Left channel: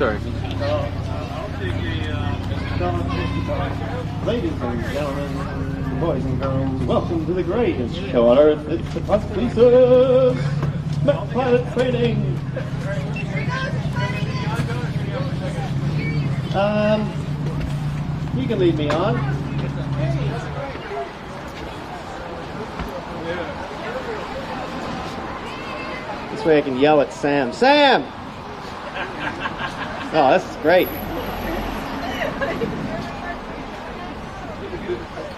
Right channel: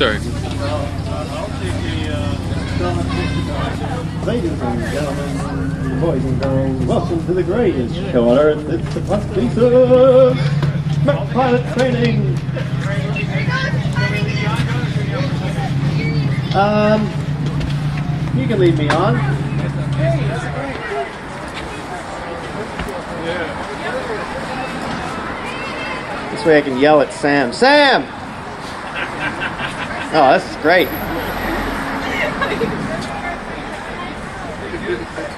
Sorry. Ladies and gentlemen, boys and girls, welcome to the greatest show on earth. It's the Prosthesis pilot training. You can lead me on. This way I can yell at Sam. Sam! Oh, this is great.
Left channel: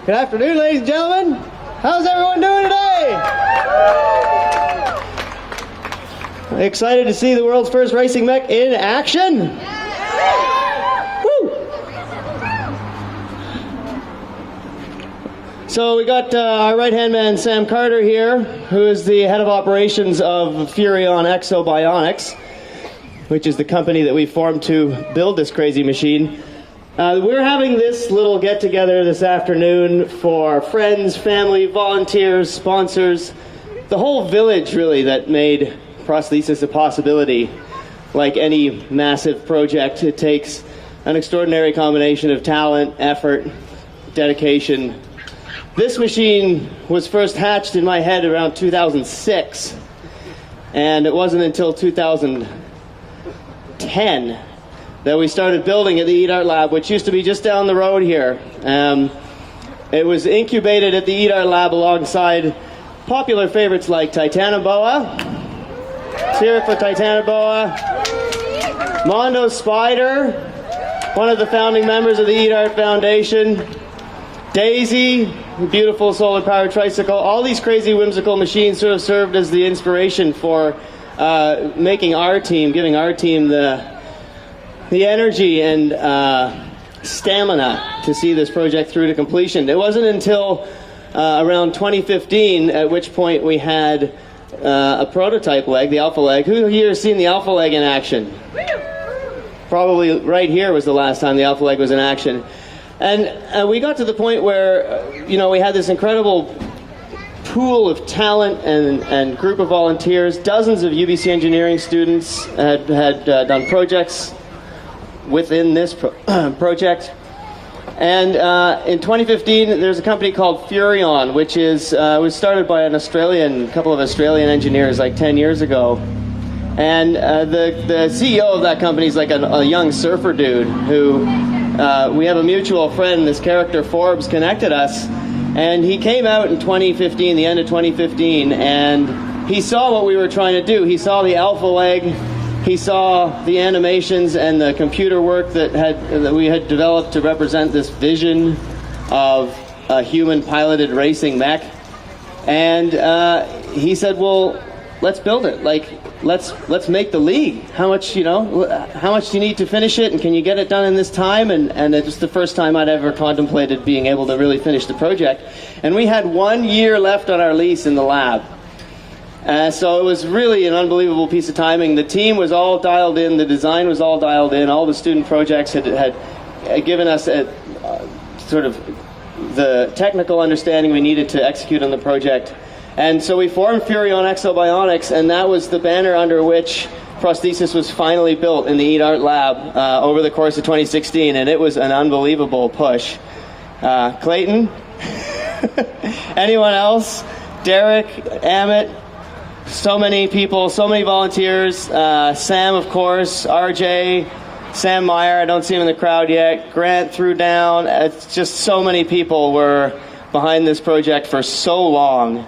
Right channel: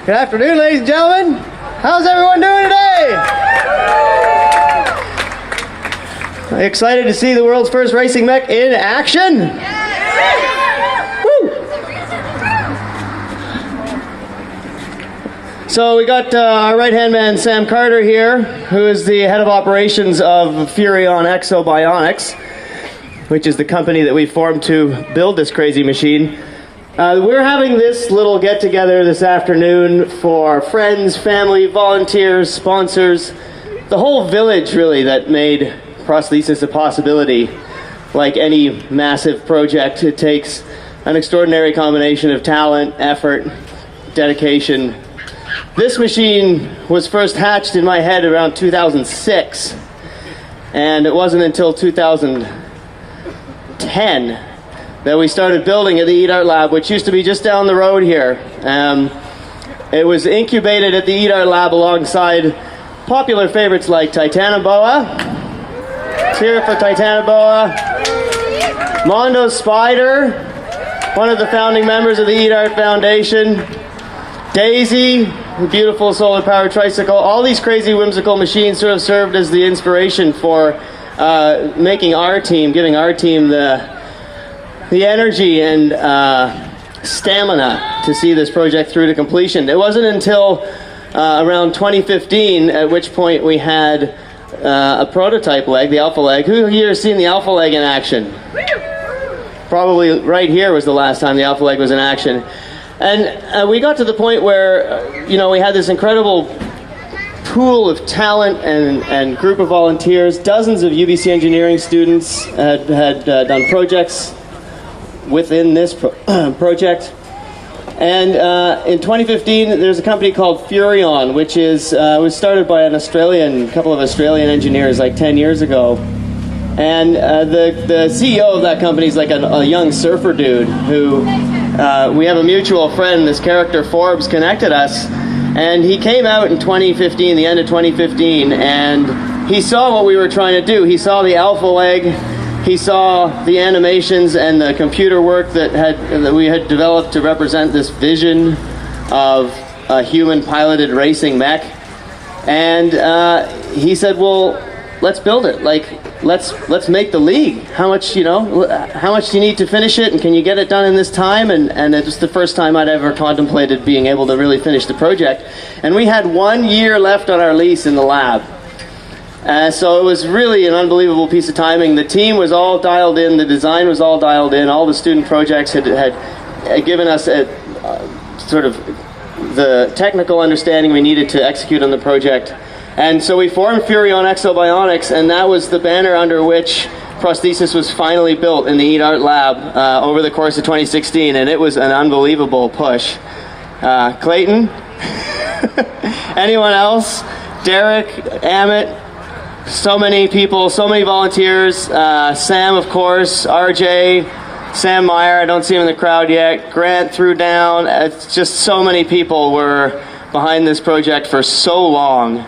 Good afternoon, ladies and gentlemen. How's everyone doing today? Are you excited to see the world's first racing mech in action? Woo! So we got our right-hand man, Sam Carter, here, who is the head of operations of Furion Exobionics, which is the company that we formed to build this crazy machine. We're having this little get-together this afternoon for friends, family, volunteers, sponsors, the whole village, really, that made Prosthesis a possibility. Like any massive project, it takes an extraordinary combination of talent, effort, dedication. This machine was first hatched in my head around 2006, and it wasn't until 2010 that we started building at the Eat Art Lab, which used to be just down the road here. It was incubated at the Eat Art Lab alongside popular favorites like Titanoboa. Let's hear it for Titanoboa. Mondo Spider, one of the founding members of the Eat Art Foundation. Daisy, a beautiful solar-powered tricycle. All these crazy, whimsical machines sort of served as the inspiration for making our team, giving our team the energy and stamina to see this project through to completion. It wasn't until around 2015, at which point we had a prototype leg, the alpha leg. Who here has seen the alpha leg in action? Probably right here was the last time the alpha leg was in action. And we got to the point where, we had this incredible pool of talent and group of volunteers. Dozens of UBC engineering students had done projects within this project. And in 2015, there's a company called Furion, which was started by a couple of Australian engineers like 10 years ago. And the CEO of that company is like a young surfer dude who we have a mutual friend, this character Forbes, connected us. And he came out in 2015, the end of 2015, and he saw what we were trying to do. He saw the alpha leg. He saw the animations and the computer work that we had developed to represent this vision of a human-piloted racing mech, and he said, "Well, let's build it. Let's make the league. How much do you need to finish it, and can you get it done in this time?" And it was the first time I'd ever contemplated being able to really finish the project. And we had 1 year left on our lease in the lab. So it was really an unbelievable piece of timing. The team was all dialed in, the design was all dialed in, all the student projects had given us sort of the technical understanding we needed to execute on the project. And so we formed Furion Exobionics, and that was the banner under which Prosthesis was finally built in the Eat Art Lab over the course of 2016, and it was an unbelievable push. Clayton? Anyone else? Derek? Amit? So many people, so many volunteers. Sam, of course, RJ, Sam Meyer, I don't see him in the crowd yet. Grant threw down. It's just so many people were behind this project for so long.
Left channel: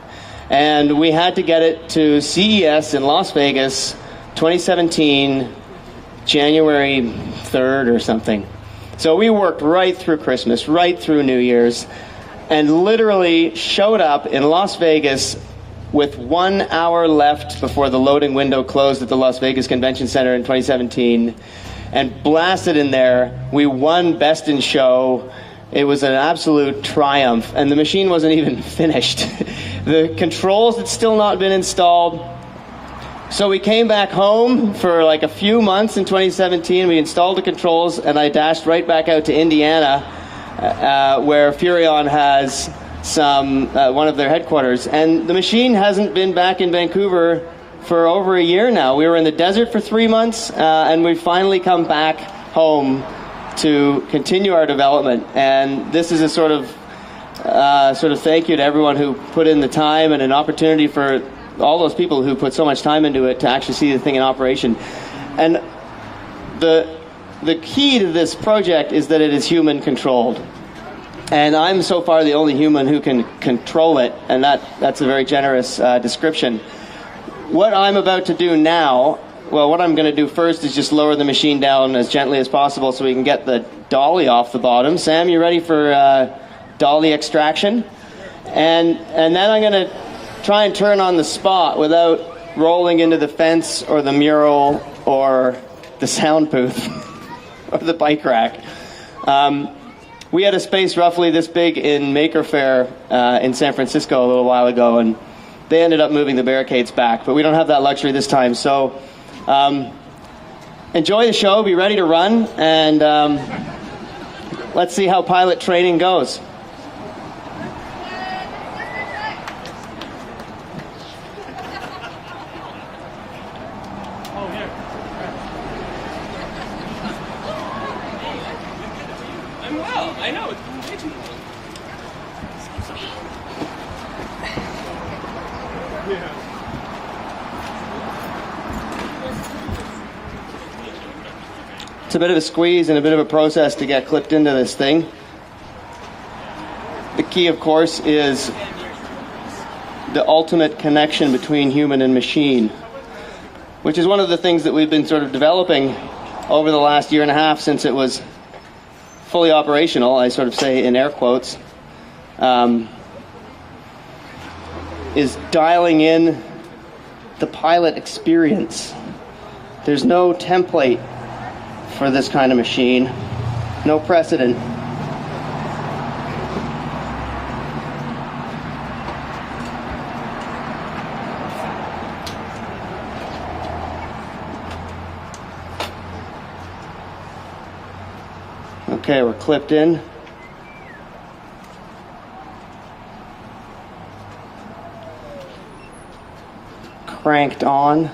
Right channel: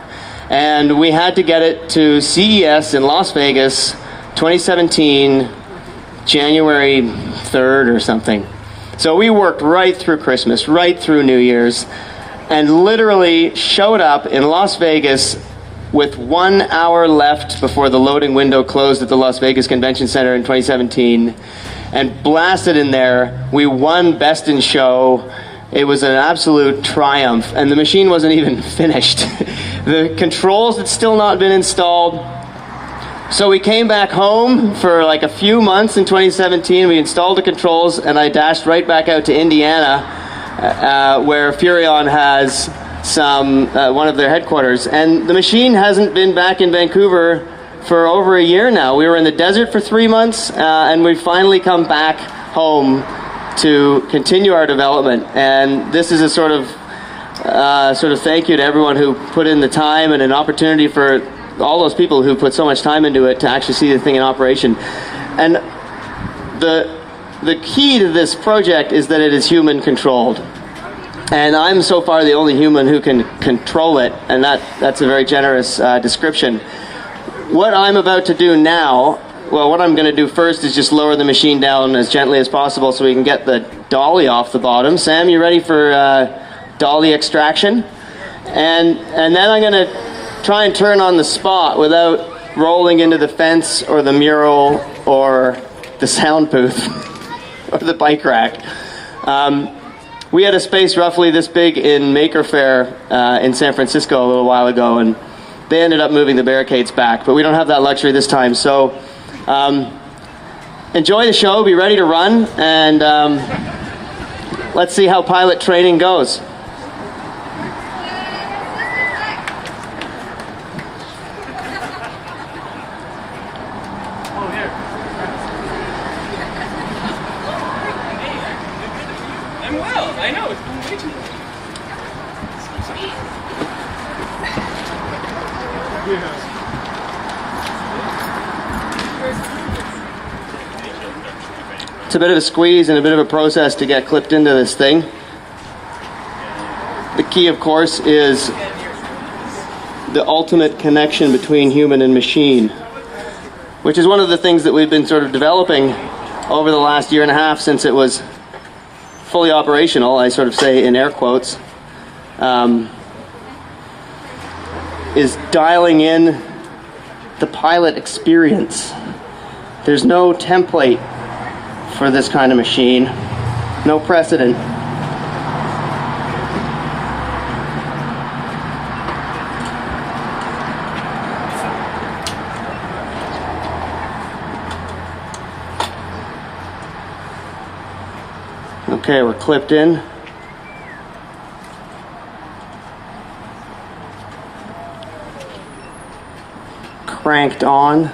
And we had to get it to CES in Las Vegas, 2017, January 3rd or something. So we worked right through Christmas, right through New Year's, and literally showed up in Las Vegas with 1 hour left before the loading window closed at the Las Vegas Convention Center in 2017, and blasted in there. We won Best in Show. It was an absolute triumph, and the machine wasn't even finished. The controls had still not been installed. So we came back home for like a few months in 2017. We installed the controls, and I dashed right back out to Indiana, where Furion has one of their headquarters. And the machine hasn't been back in Vancouver for over a year now. We were in the desert for 3 months, and we've finally come back home to continue our development. And this is a sort of thank you to everyone who put in the time, and an opportunity for all those people who put so much time into it to actually see the thing in operation. And the key to this project is that it is human controlled. And I'm so far the only human who can control it, and that's a very generous description. What I'm about to do now, well, what I'm going to do first is just lower the machine down as gently as possible so we can get the dolly off the bottom. Sam, you ready for dolly extraction? And then I'm going to try and turn on the spot without rolling into the fence or the mural or the sound booth or the bike rack. We had a space roughly this big in Maker Faire in San Francisco a little while ago, and they ended up moving the barricades back, but we don't have that luxury this time. So enjoy the show, be ready to run, and let's see how pilot training goes. I know, it's been way too long. It's a bit of a squeeze and a bit of a process to get clipped into this thing. The key, of course, is the ultimate connection between human and machine, which is one of the things that we've been sort of developing over the last year and a half since it was fully operational, I sort of say in air quotes, is dialing in the pilot experience. There's no template for this kind of machine, no precedent. Okay, we're clipped in. Cranked on.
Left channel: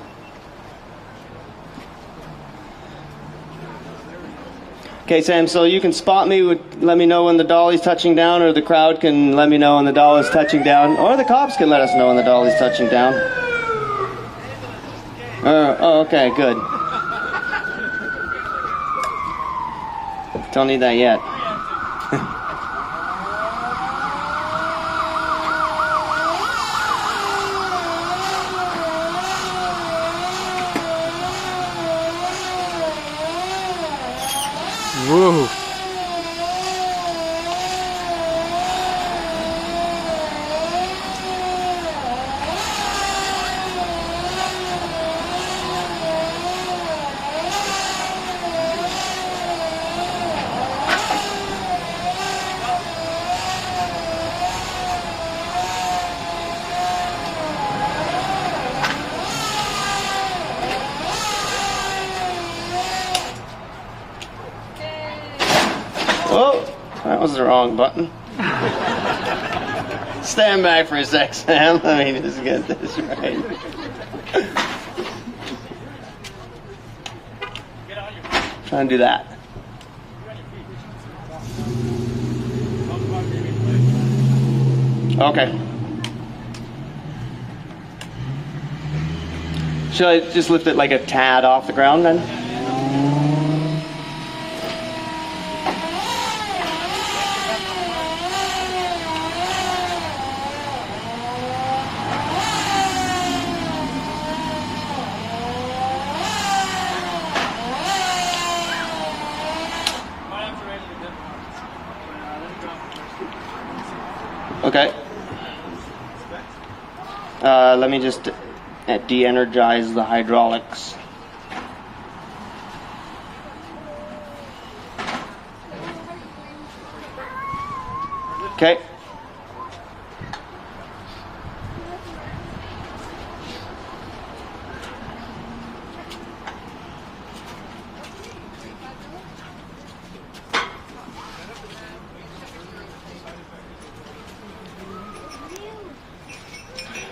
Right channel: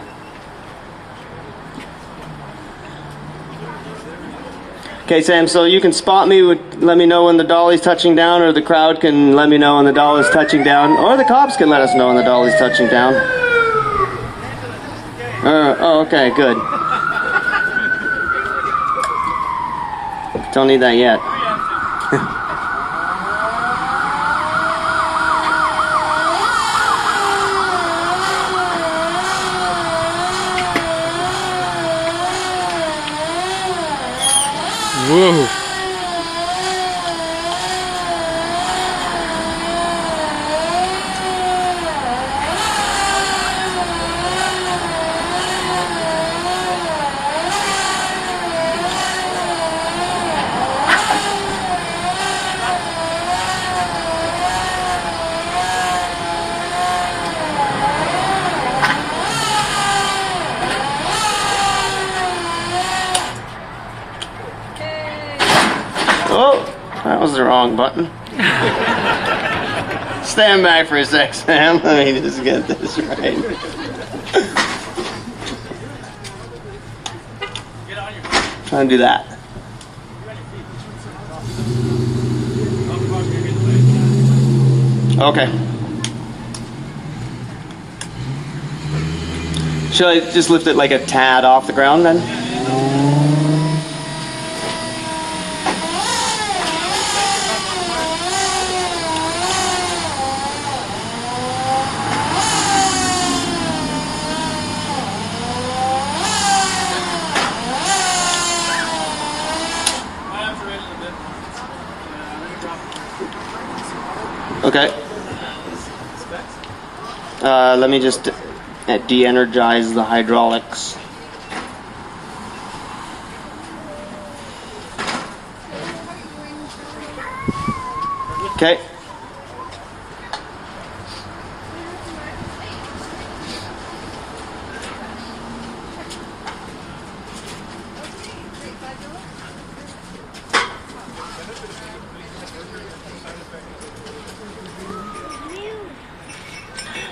Okay, Sam, so you can spot me, let me know when the dolly's touching down, or the crowd can let me know when the dolly's touching down, or the cops can let us know when the dolly's touching down. Oh, okay, good. Don't need that yet. Whoa. Oh, that was the wrong button. Stand back for a sec, Sam. Let me just get this right. Try and do that. Okay. Should I just lift it like a tad off the ground then? Okay. Let me just de-energize the hydraulics. Okay.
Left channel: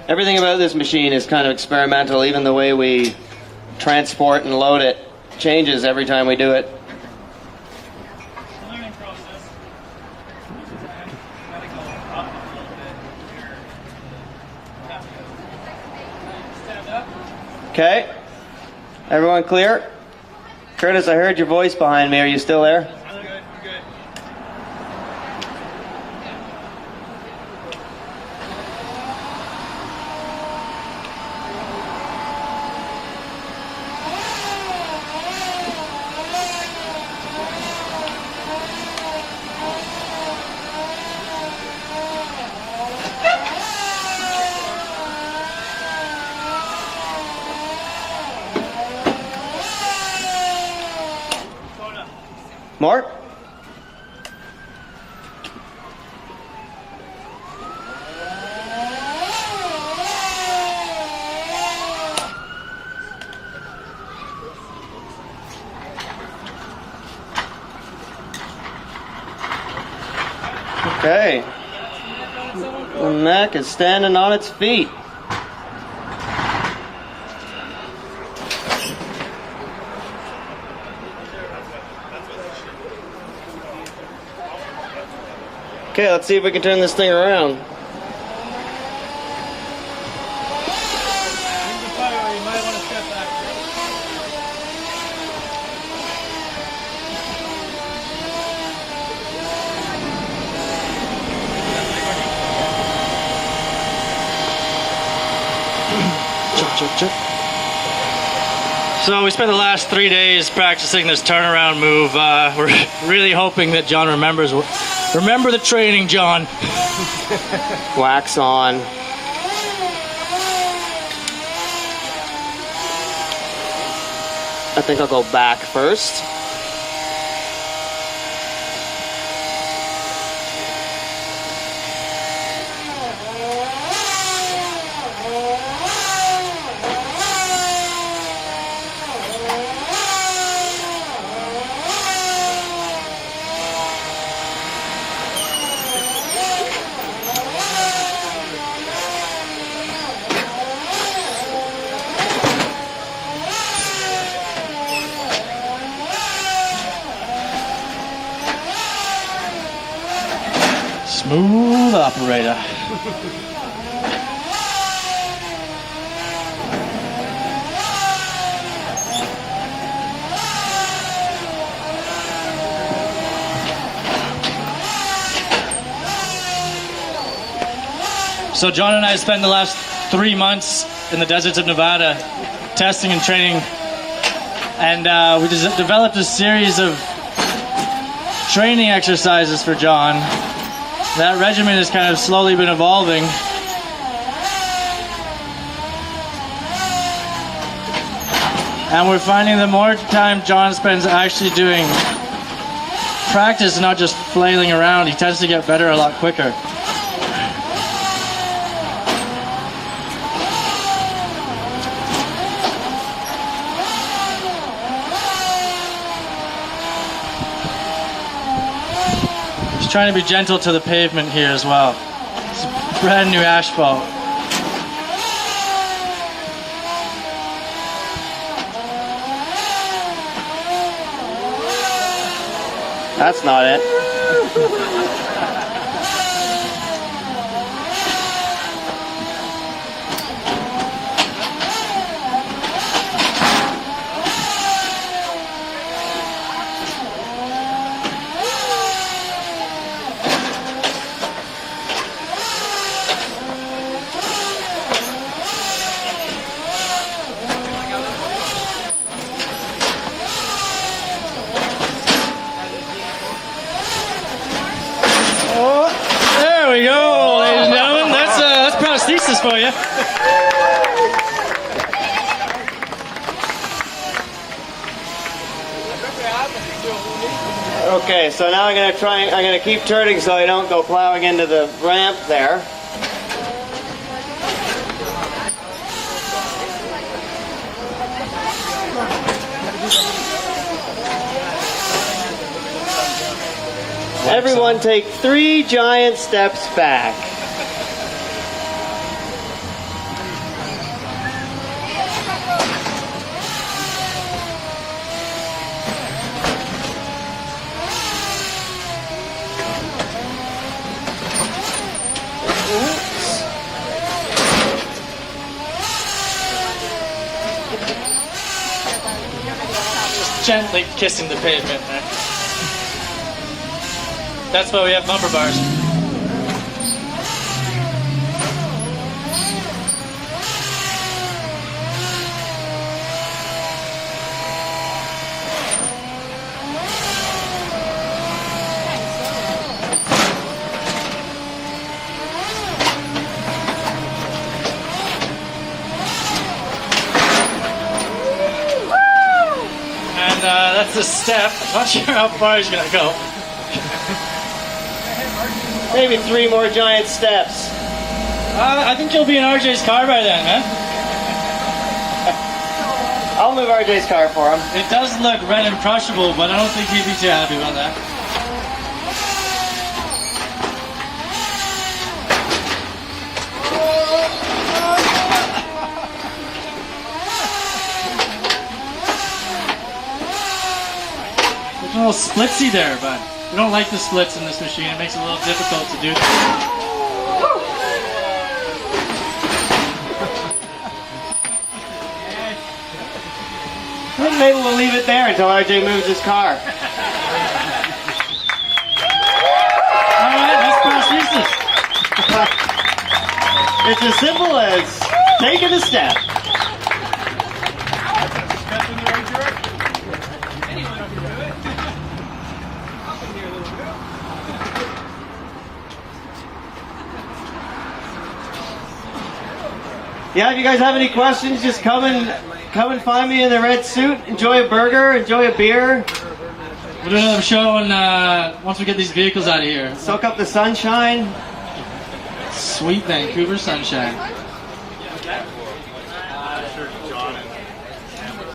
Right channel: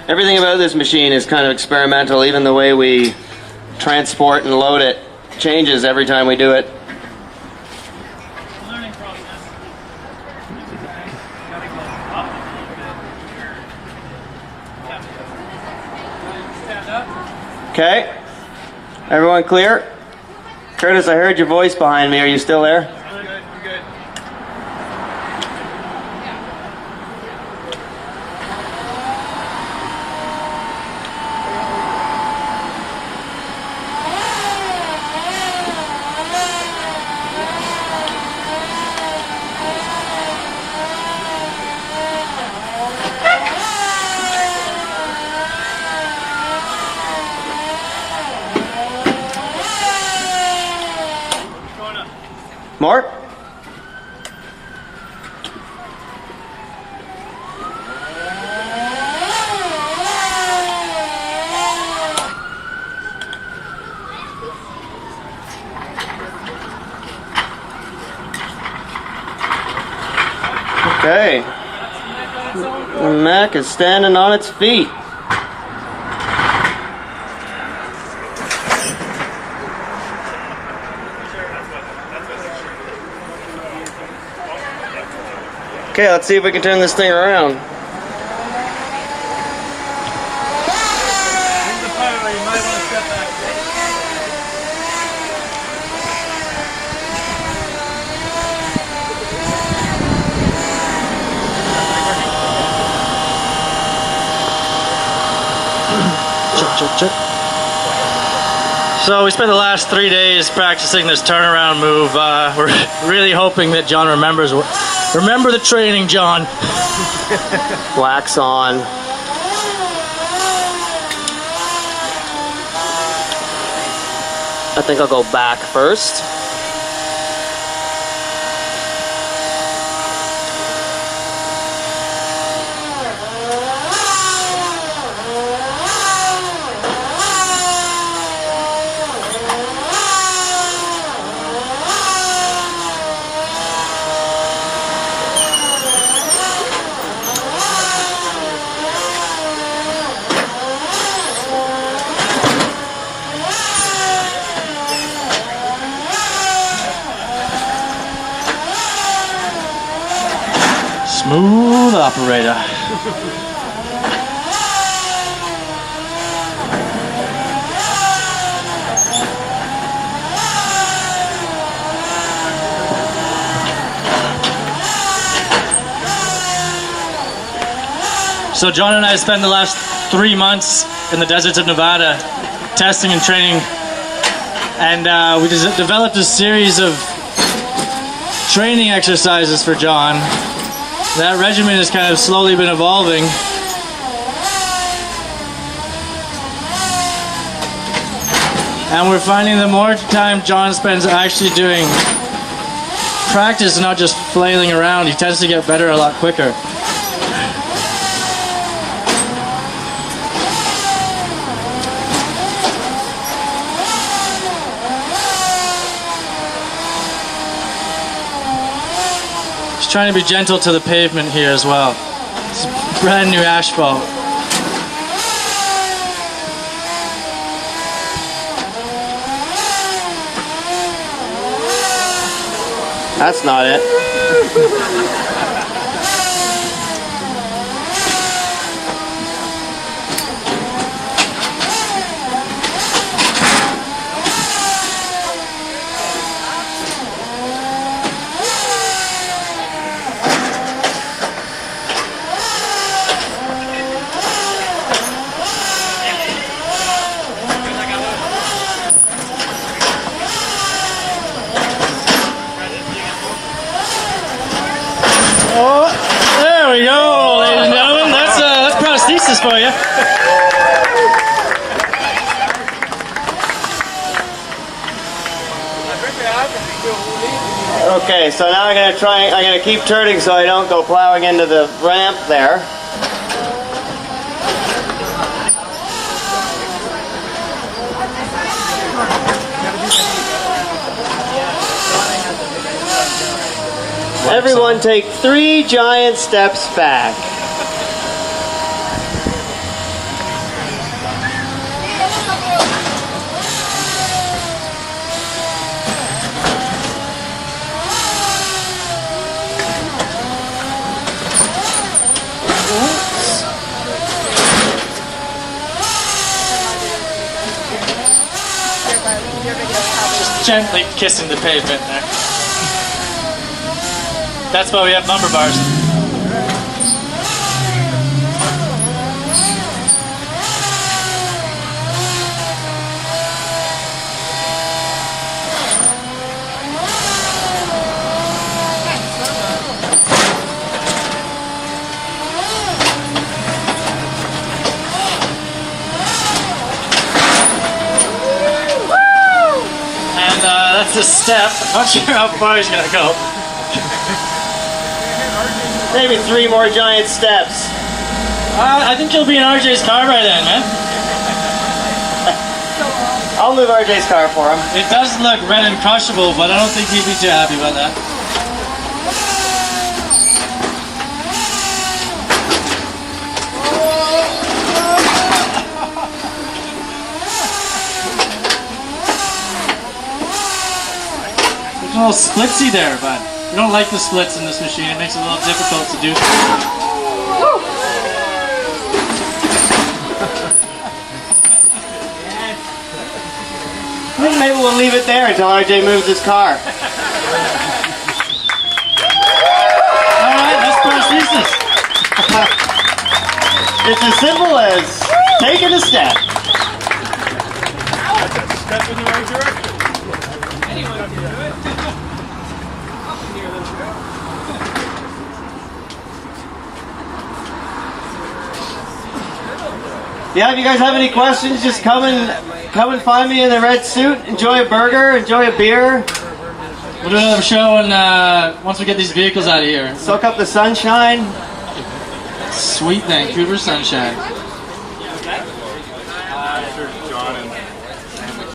Everything about this machine is kind of experimental. Even the way we transport and load it changes every time we do it. Learning process. Gotta go up a little bit here. Yeah. Stand up. Okay. Everyone clear? Curtis, I heard your voice behind me. Are you still there? Really good. We're good. More? Okay. The mech is standing on its feet. Okay, let's see if we can turn this thing around. This is the part where you might want to step back. Check. So we spent the last 3 days practicing this turnaround move. We're really hoping that John remembers. Remember the training, John. Wax on. I think I'll go back first. Smooth operator. So John and I spent the last 3 months in the deserts of Nevada testing and training, and we just developed a series of training exercises for John. That regimen has kind of slowly been evolving. And we're finding the more time John spends actually doing practice and not just flailing around, he tends to get better a lot quicker. Trying to be gentle to the pavement here as well. It's brand new asphalt. That's not it. There we go, ladies and gentlemen. That's prosthesis for you. Okay, so now I'm gonna keep turning so I don't go plowing into the ramp there. Everyone take 3 giant steps back. gently kissing the pavement there. That's why we have bumper bars. That's a step. I'm not sure how far he's gonna go. Maybe 3 more giant steps. I think you'll be in RJ's car by then, man. I'll move RJ's car for him. It does look red and crushable, but I don't think he'd be too happy about that. There's a little splitsy there, but we don't like the splits in this machine. It makes it a little difficult to do. Maybe we'll leave it there until RJ moves his car. Alright, that's prosthesis. It's as simple as taking a step. Step in the right direction. Anyone can do it. Yeah, if you guys have any questions, just come and find me in a red suit. Enjoy a burger, enjoy a beer. We'll do another show and once we get these vehicles out of here. Soak up the sunshine. Sweet Vancouver sunshine.